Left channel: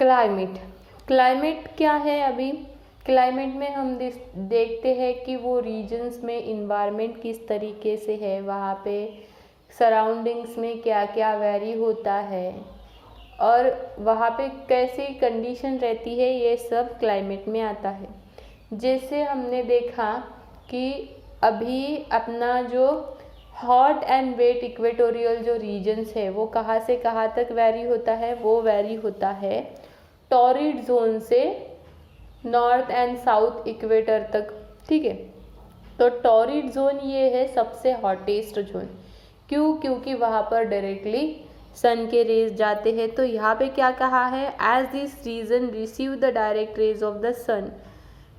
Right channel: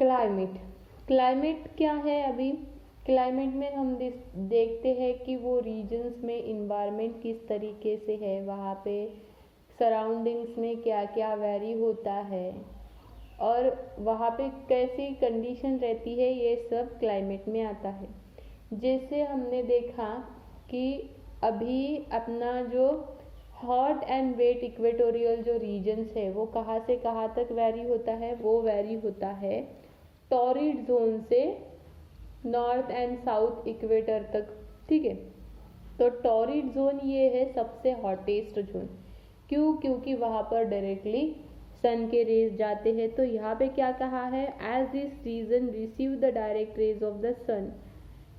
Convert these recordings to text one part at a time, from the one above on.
Climate. Climate क्या है? अभी क्लाइमेट में हम देखते हैं कि वो रीजन्स में इन्वायरमेंट किस तरीके से है, वहाँ पे सराउंडिंग्स में क्या क्या वेरी होता है और वहाँ पे कैसी कंडीशन रहती है, ये सब क्लाइमेट में आता है। जैसे हमने देखा कि अभी अपना जो हॉट एंड वेट इक्वेटोरियल जो रीजन्स है वो कहाँ से कहाँ तक वेरी होता है? वो वेरी होता है टॉरिड जोन से नॉर्थ एंड साउथ इक्वेटर तक। ठीक है, तो टॉरिड जोन ये है सबसे हॉटेस्ट जोन। क्यों? क्योंकि वहाँ पर डायरेक्टली सन के रेज जाते हैं। तो यहाँ पे क्या कहा है? As this region receive the direct rays of the sun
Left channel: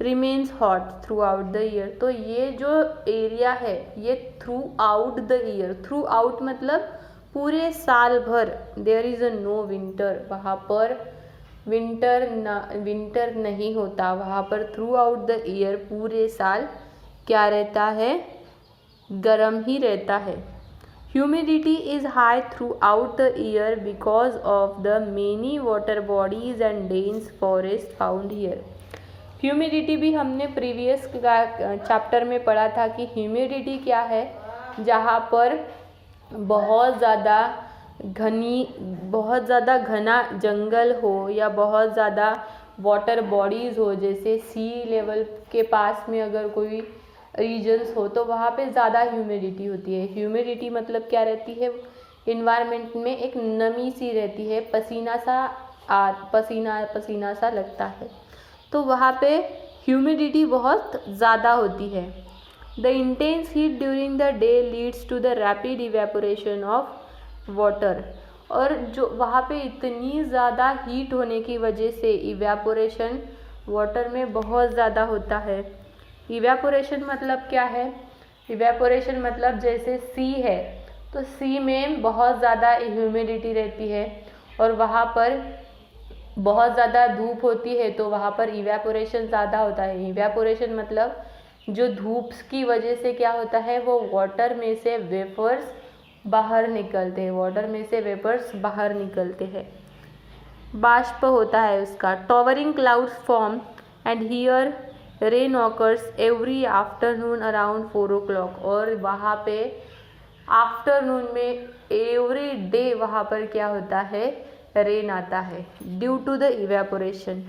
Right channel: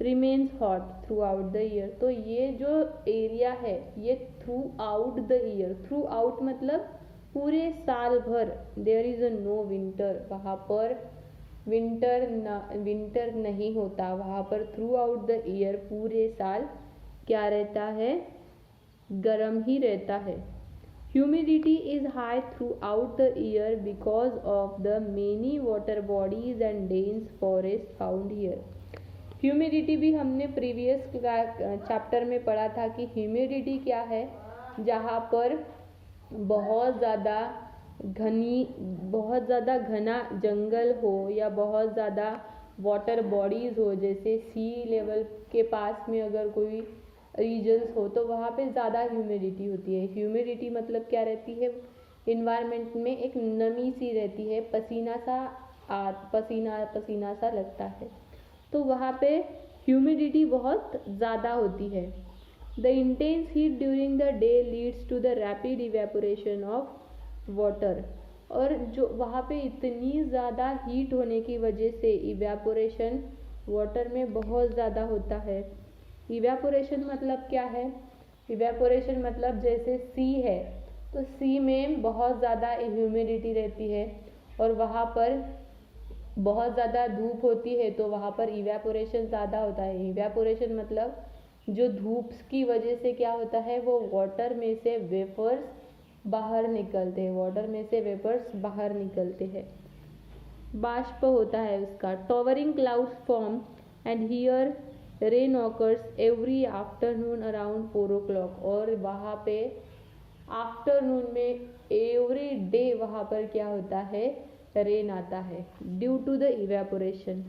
remains hot throughout the year. तो ये जो एरिया है ये throughout the year, throughout मतलब पूरे साल भर, there is a no winter, वहाँ पर विंटर नहीं होता, वहाँ पर थ्रू आउट द ईयर पूरे साल क्या रहता है? गर्म ही रहता है। Humidity is high through out the year because of the many water bodies and dense forest found here. Humidity भी हमने प्रीवियस चैप्टर में पढ़ा था कि ह्यूमिडिटी क्या है? जहाँ पर बहुत ज़्यादा घना जंगल हो या बहुत ज़्यादा वाटर बॉडीज़ हो, जैसे सी लेवल के पास में अगर कोई रीजन्स हो तो वहाँ पे ज़्यादा ह्यूमिडिटी होती है। ह्यूमिडिटी मतलब क्या रहती है? इन्वायरमेंट में एक नमी सी रहती है, पसीना सा लगता है, तो वहाँ पे ह्यूमिडिटी बहुत ज़्यादा होती है। The intense heat during the day leads to the rapid evaporation of water. और जो वहाँ पे इतनी ज़्यादा हीट होने की वजह से इवेपोरेशन वाटर में बहुत ज़्यादा होता है। इवेपोरेशन मतलब क्या है? इवेपोरेशन मतलब जैसे सी है तो सी में बहुत ज़्यादा ह्यूमिडिटी रहती है और वहाँ पर बहुत ज़्यादा धूप होती है तो वहाँ पर इवेपोरेशन ज़्यादा होता है। इवेपोरेशन मतलब जो धूप की वजह से क्या होता है, वो वाटर में से वेपर्स बाहर निकलते हैं, वाटर में से वेपर्स बाहर निकलते हैं, बाष्प होता है उसका। Towering clouds form and here rain occurs every afternoon around 4 o'clock। और वहाँ पे आफ्टरनून में एवरी डे वहाँ पर क्या होता है? रेन आता है due to the evaporation.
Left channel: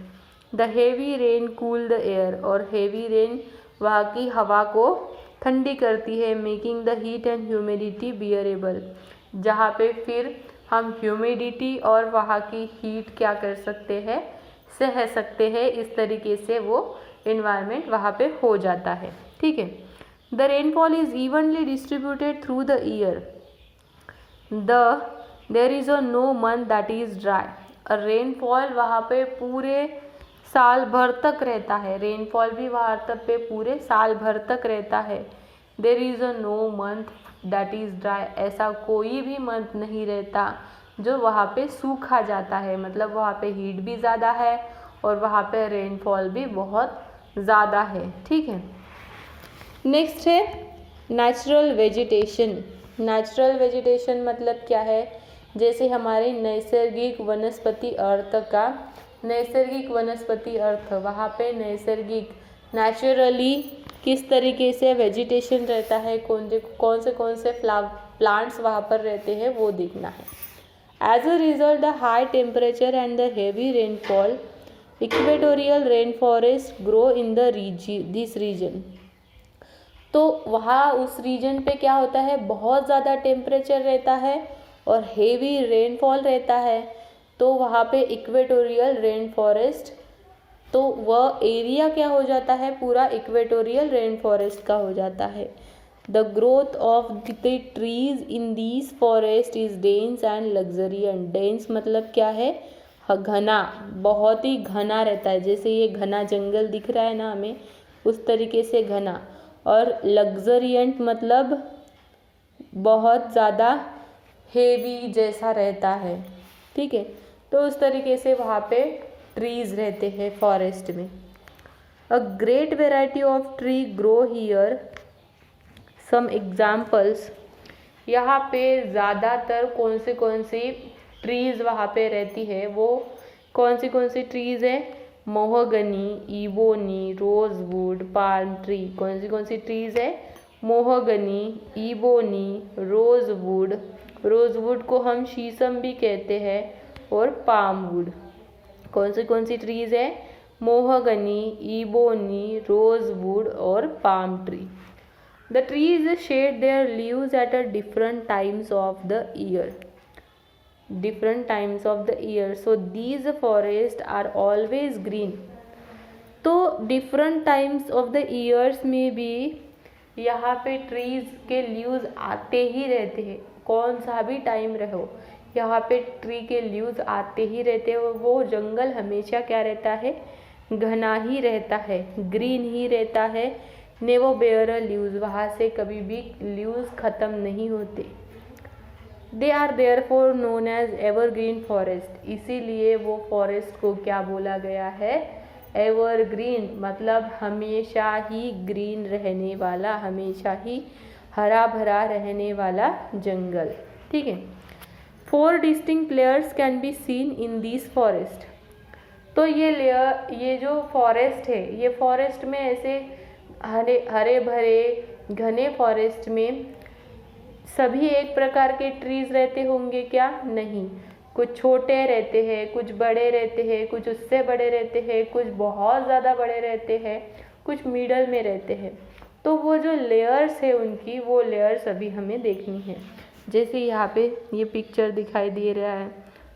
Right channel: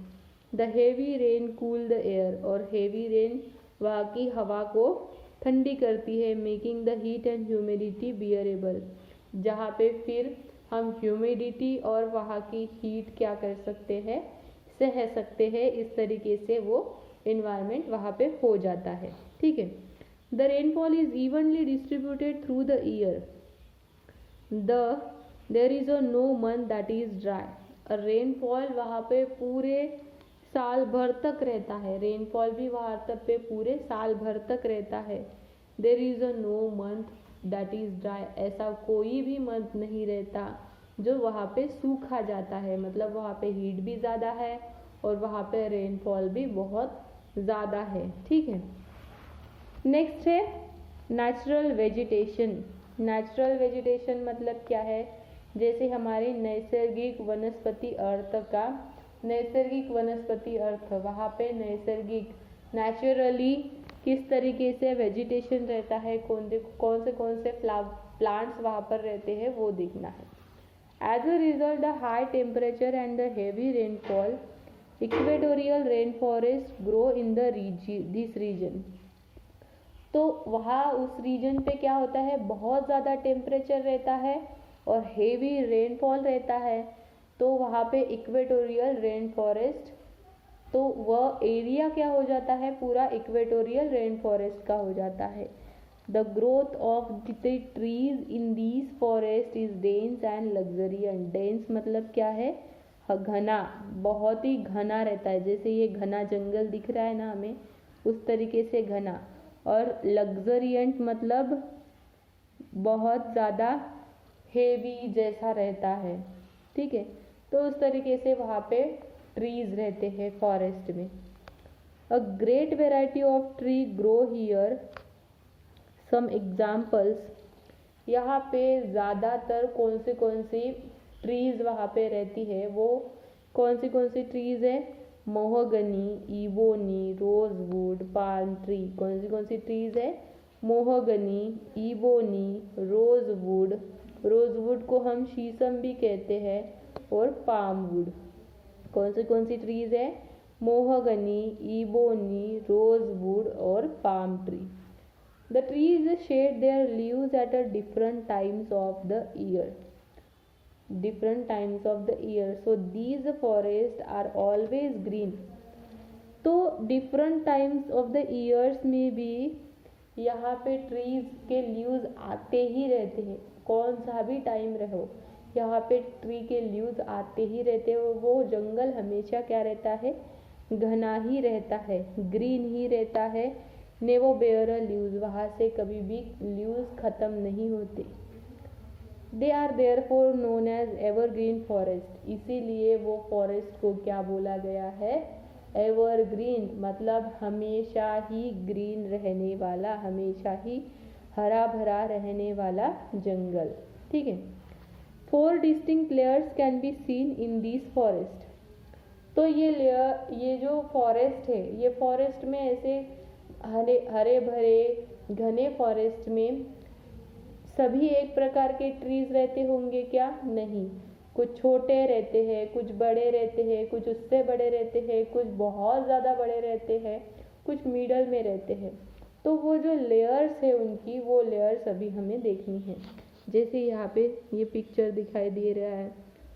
The heavy rain cool the air. और हेवी रेन वहाँ की हवा को ठंडी करती है, making the heat and humidity bearable. जहाँ पे फिर हम ह्यूमिडिटी और वहाँ की हीट क्या कर सकते हैं? सह सकते हैं। इस तरीके से वो इन्वायरमेंट वहाँ पे हो जाता है। ठीक है, the rainfall is evenly distributed through the year. There is a no month that is dry. Rainfall वहाँ पे पूरे साल भर तक रहता है, रेनफॉल भी वहाँ तक पे पूरे साल भर तक रहता है। There is a no month that is dry. ऐसा कोई भी मंथ नहीं रहता जो वहाँ पे सूखा जाता है, मतलब वहाँ पे हीट भी ज़्यादा है और वहाँ पे रेनफॉल भी बहुत ज़्यादा है। ठीक है, नेक्स्ट है नेचुरल वेजिटेशन। नेचुरल वेजिटेशन मतलब क्या है? जैसे हमारे नैसर्गिक वनस्पति अर्थ का, नैसर्गिक वनस्पति अर्थ, वहाँ पे नैसर्गिक नेचुरली किस तरीके से वेजिटेशन रहता है, कौन से प्लांट्स वहाँ पर रहते हैं वो देखना है। As a result the high temperature and the heavy rainfall equatorial rain forest grow in this region. तो वहाँ उस रीजन पे क्या होता है? बहुत ज़्यादा टेम्परेचर रहता है और हेवी रेनफॉल रहता है, तो वहाँ पे इक्वेटोरियल रेन फॉरेस्ट, तो वह एरिया क्या हो जाता है? पूरा इक्वेटोरियल रेन फॉरेस्ट का हो जाता है। The growth of the trees in these forest is dense and luxuriant. Dense मतलब क्या है? घना, बहुत ही घना रहता है, जैसे ये घना जंगल दिख रहा है ना हमें, उस तरीके से घना। और लग्जरियंट मतलब बहुत ज़्यादा हेवी जैसा रहता है। ठीक है, तो उस तरीके से वहाँ पे ट्रीज रहते हैं फॉरेस्ट में। A great variety of tree grow here. Some examples, यहाँ पे ज़्यादातर कौन सी ट्रीज वहाँ पे रहती है वो कौन सी ट्रीज़ है? Mahogany, ebony, rosewood, palm tree. कौन सी ट्रीज़ है? मोहगनी, इबोनी, रोजवुड, रोजवुड को हम शीशम भी कहते हैं, और पाम वुड। कौन सी ट्रीज़ है? मोहगनी, इबोनी, रोजवुड और palm tree. The trees shed their leaves at a different times of the year. So these forests are always green. तो different times of the years में भी यहाँ पे trees के leaves आते ही रहते हैं। कौन सा भी टाइम रहो, यहाँ पे ट्री के लीव्स आते ही रहते हैं। वो जंगल हमेशा क्या रहता है? घना ही रहता है, ग्रीन ही रहता है। नेवर बेयर अ लीव्स, वहाँ से कभी भी लीव्स ख़त्म नहीं होते। They are therefore known as evergreen forest, इसीलिए वो फॉरेस्ट को क्या बोला गया है? एवरग्रीन, मतलब हमेशा ही ग्रीन रहने वाला, हमेशा ही हरा भरा रहने वाला जंगल। ठीक है। 4 distinct layers can be seen in this forest. तो ये जो फॉरेस्ट है, ये फॉरेस्ट में ऐसे हरे भरे घने फॉरेस्ट में सभी एक प्रकार के ट्रीज रहते होंगे क्या? नहीं, कुछ छोटे रहते हैं, कुछ बड़े रहते हैं, कुछ उससे बड़े रहते हैं, कुछ बहुत ज़्यादा बड़े रहते हैं, कुछ मिडल में रहते हैं। तो वो जो लेयर्स है उनकी, वो लेयर्स अभी हमें देखनी है। जैसे यहाँ पे ये पिक्चर दिखाई दे रहा है,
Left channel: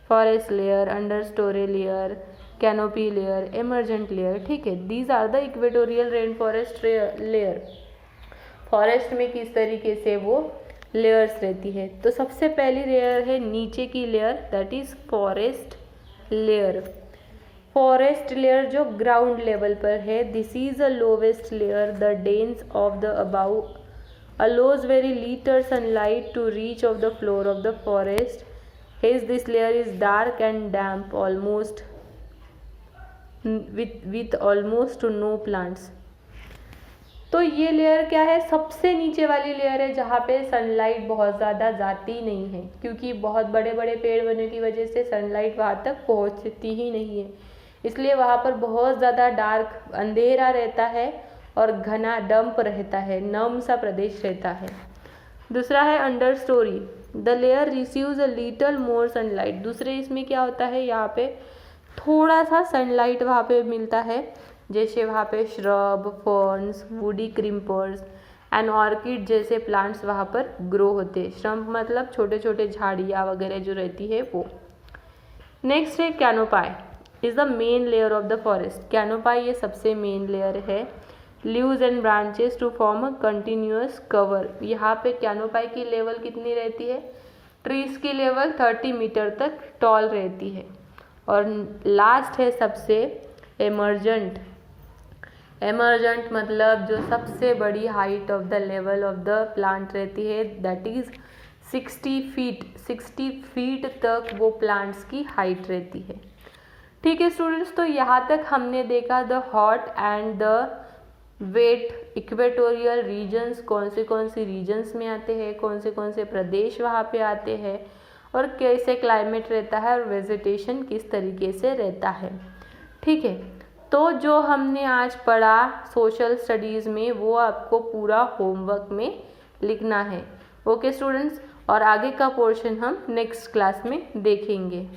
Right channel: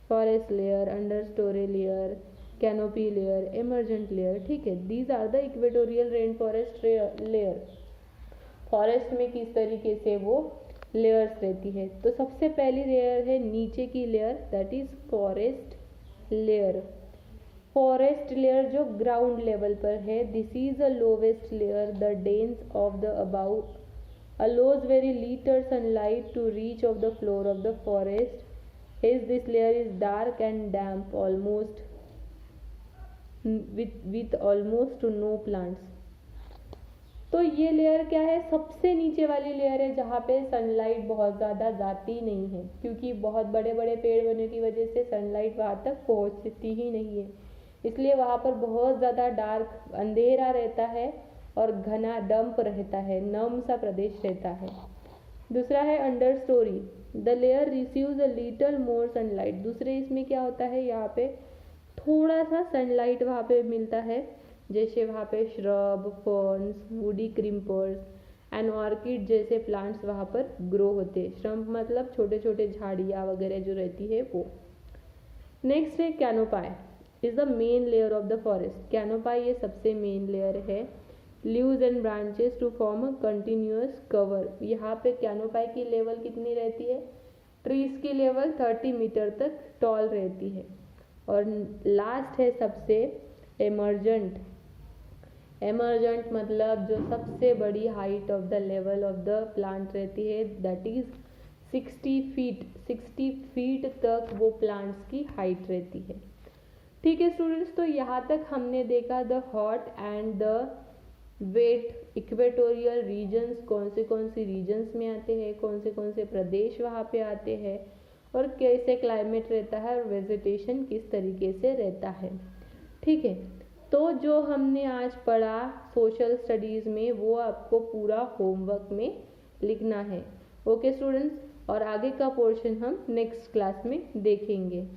forest layer, understory layer, canopy layer, emergent layer. ठीक है, these are the equatorial rain forest layer. Forest में किस तरीके से वो लेयर्स रहती है। तो सबसे पहली लेयर है नीचे की layer, that is forest layer. Forest layer जो ग्राउंड लेवल पर है, this is a lowest layer. The dense of the above allows very little sunlight to reach of the floor of the forest. Hence this layer is dark and damp, almost with almost no plants. तो ये layer क्या है? सबसे नीचे वाली layer है जहाँ पे सनलाइट बहुत ज़्यादा जाती नहीं है, क्योंकि बहुत बड़े बड़े पेड़ होने की वजह से सनलाइट वहाँ तक पहुँचती ही नहीं है, इसलिए वहाँ पर बहुत ज़्यादा डार्क अंधेरा रहता है और घना डंप रहता है, नम सा प्रदेश रहता है। दूसरा है under story. The layer receives a little more sunlight. दूसरे इसमें क्या होता है, यहाँ पे थोड़ा सा सनलाइट वहाँ पे मिलता है, जैसे वहाँ पे shrub, ferns, woody creepers and orchid जैसे प्लांट्स वहाँ पर ग्रो होते हैं। श्रब मतलब छोटे छोटे झाड़ियाँ वगैरह जो रहती है वो। नेक्स्ट है canopy, is the main layer of the forest. Canopy ये सबसे मेन लेयर है। Leaves and branches to form a continuous cover. यहाँ पे कैनोपाई की लेवल कितनी रहती है? ट्रीज की लेवल 30 मीटर तक टॉल रहती है। और लास्ट है सबसे एमरजेंट। एमरजेंट मतलब जो सबसे बड़ी height of the level of the plant रहती है, दैट इज 60 फीट। 60 फीट तक वो प्लांट्स की हाइट रहती है। ठीक है स्टूडेंट्स, तो यहाँ तक हमने देखा the hot and the wet equatorial regions, कौन से रीजन्स में आते हैं, कौन से प्रदेश वहाँ पे आते हैं, और कैसे क्लाइमेट रहता है, और वेजिटेशन किस तरीके से रहता है। ठीक है, तो जो हमने आज पढ़ा सोशल स्टडीज़ में, वो आपको पूरा होमवर्क में लिखना है। ओके स्टूडेंट्स, और आगे का पोर्शन हम नेक्स्ट क्लास में देखेंगे।